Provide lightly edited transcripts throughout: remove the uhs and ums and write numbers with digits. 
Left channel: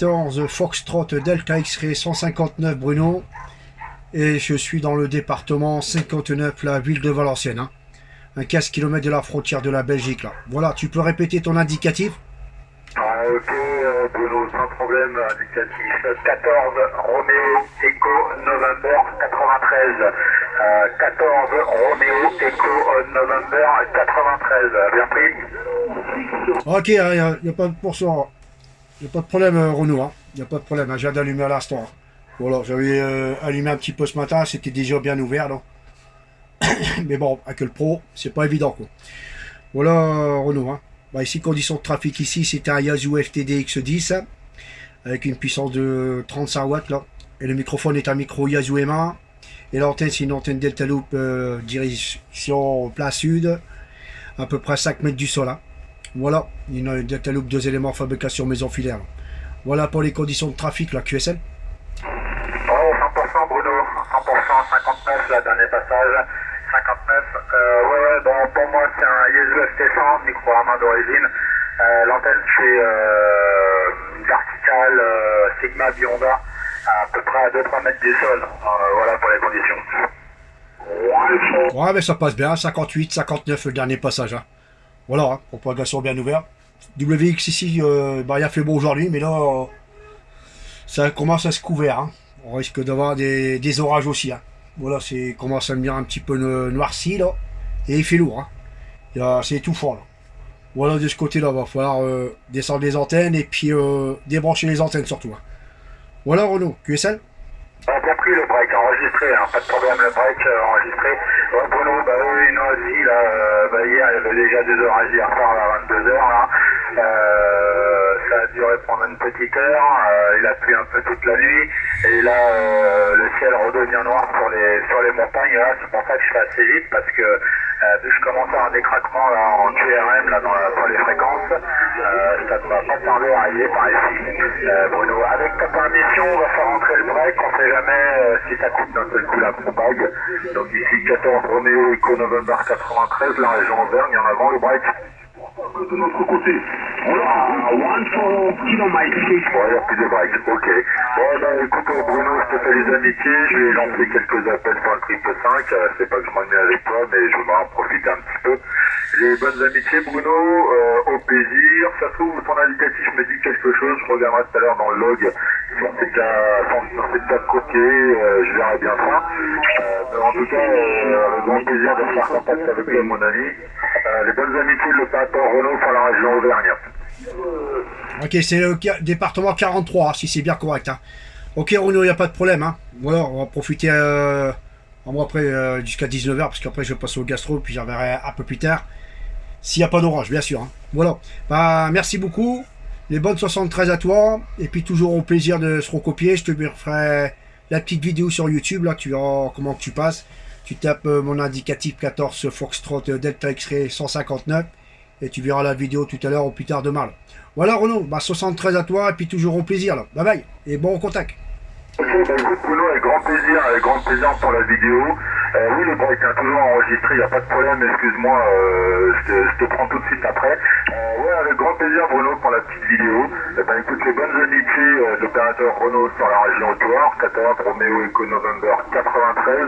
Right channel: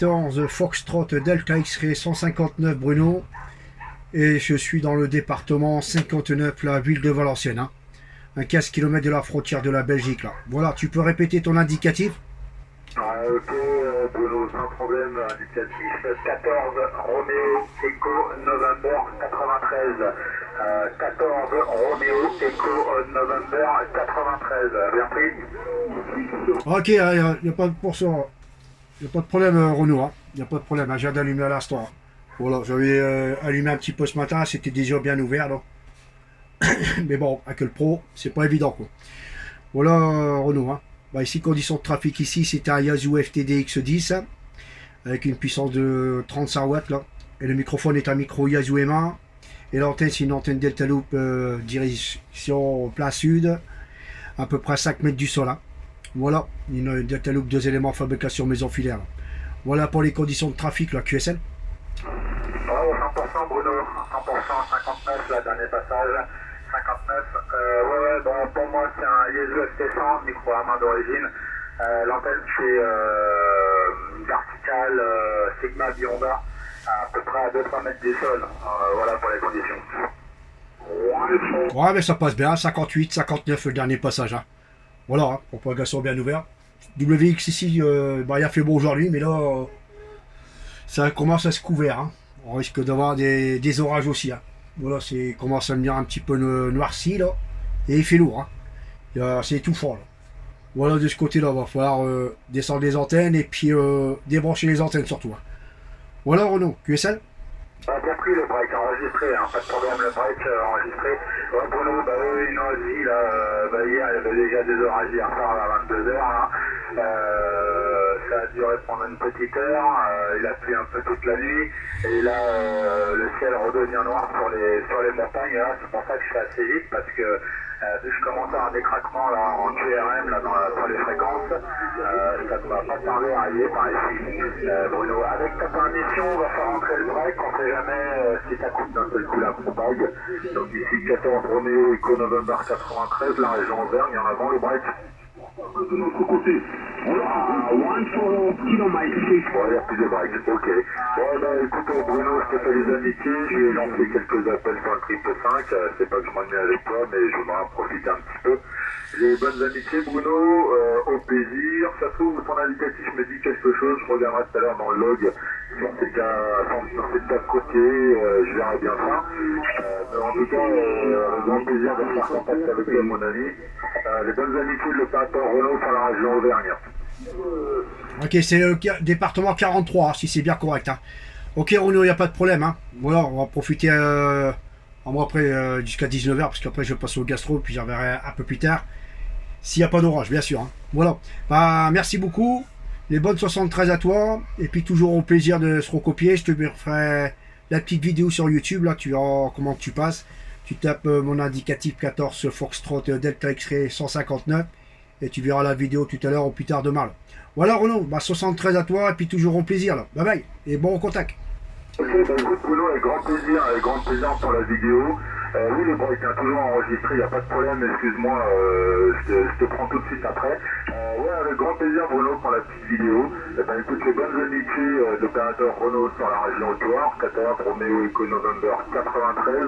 14 Foxtrot Delta X-Ray 159 Bruno, et je suis dans le département 59, la ville de Valenciennes, hein. Un 15 km de la frontière de la Belgique là. Voilà, tu peux répéter ton indicatif? Ok, Bruno, sans problème, indicatif 14 Roméo Echo November 93. 14 Roméo Echo November 93, bien pris. Ok, il n'y a pas de pourcent. Il n'y a pas de problème, Renaud. Hein. Il n'y a pas de problème. Hein. J'ai d'allumer à l'instant. Hein. Voilà, j'avais allumé un petit peu ce matin. C'était déjà bien ouvert. Là. Mais bon, avec le pro, c'est pas évident. Quoi. Voilà, Renaud. Hein. Bah, ici, conditions de trafic ici, c'était un Yaesu FTD X10 hein, avec une puissance de 35 watts. Là. Et le microphone est un micro Yaesu M1. Et l'antenne, c'est une antenne Delta Loop direction plein sud, à peu près 5 mètres du sol. Hein. Voilà, une Delta Loop 2 éléments fabrication maison filaire. Voilà pour les conditions de trafic, la QSL. Oh, 100% Bruno, 100%, 59, la dernier passage, 59. Ouais, bon, pour moi c'est un Yaesu FT100, micro à main d'origine. L'antenne c'est verticale Sigma Bionda, à peu près à 2-3 mètres du sol. Voilà pour les conditions. Ouais, mais ça passe bien, 58, 59 le dernier passage. Hein. Voilà, hein, propagation bien ouverte. WX ici, il a fait beau aujourd'hui, mais là, ça commence à se couvrir. Hein. On risque d'avoir des orages aussi. Hein. Voilà, c'est commence à venir un petit peu noirci là, et il fait lourd. Hein. C'est étouffant là. Voilà, de ce côté-là, va falloir descendre les antennes et puis débrancher les antennes surtout. Hein. Voilà, Renaud, QSL. Bien pris le break enregistré, hein, pas de problème, le break enregistré. Ouais, Bruno, bah oui, non, aussi, là, hier, il y avait déjà des orages hier soir à 22h, là. Ça a duré pendant une petite heure, il a plu un peu toute la nuit, et là, le ciel redevient noir sur les montagnes, là, c'est pour ça que je fais assez vite, parce que vu que je commence à avoir des craquements là, en QRM, là, dans les fréquences, ça ne va pas tarder à arriver par ici. Bruno, avec ta permission, on va faire rentrer le break, on sait jamais si ça coupe d'un seul coup la propague. Donc ici 14 Roméo Echo November 93, la région Auvergne, en avant le break. De notre côté. Voilà, 1 km. Bon, il n'y a plus de break, ok. Bon, bah écoute, Bruno, je te fais les amitiés, je vais lancer quelques appels sur le triple 5, c'est pas que je m'ennuie avec toi, mais je voudrais en profiter un petit peu. Les bonnes amitiés, Bruno, au plaisir. Ça se trouve, ton indicatif me dit quelque chose, je regarderai tout à l'heure dans le log sur ces cas côtiers, je verrai bien ça. Mais en tout cas, le grand plaisir de faire contact avec toi, mon ami. Les bonnes amitiés de l'opérateur Renault sur la région Auvergne. Ok, c'est le département 43, si c'est bien correct. Hein. Ok, Renaud, il n'y a pas de problème. Hein. Voilà, on va profiter moi après jusqu'à 19h, parce qu'après je vais passer au gastro, puis j'en verrai un peu plus tard. S'il n'y a pas d'orage, bien sûr. Hein. Voilà. Bah, merci beaucoup. Les bonnes 73 à toi. Et puis toujours au plaisir de se recopier. Je te ferai la petite vidéo sur YouTube. Là, tu verras comment tu passes. Tu tapes mon indicatif 14 Foxtrot Delta X-Ray 159. Et tu verras la vidéo tout à l'heure ou plus tard demain. Là. Voilà Renaud, bah 73 à toi et puis toujours au plaisir là. Bye bye et bon contact. Ok, bah écoute Bruno, avec grand plaisir pour la vidéo. Oui, le break est toujours enregistré, il n'y a pas de problème, excuse-moi, je te prends tout de suite après. Ouais, avec grand plaisir Bruno pour la petite vidéo. Bah écoute, les bonnes amitiés d'opérateur Renault sur la région Haute-Loire, 14 Roméo Echo November 93,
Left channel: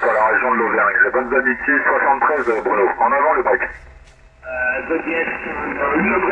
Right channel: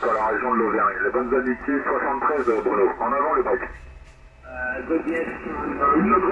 sur la région de l'Auvergne. Les bonnes amitiés 73 Bruno, en avant le break.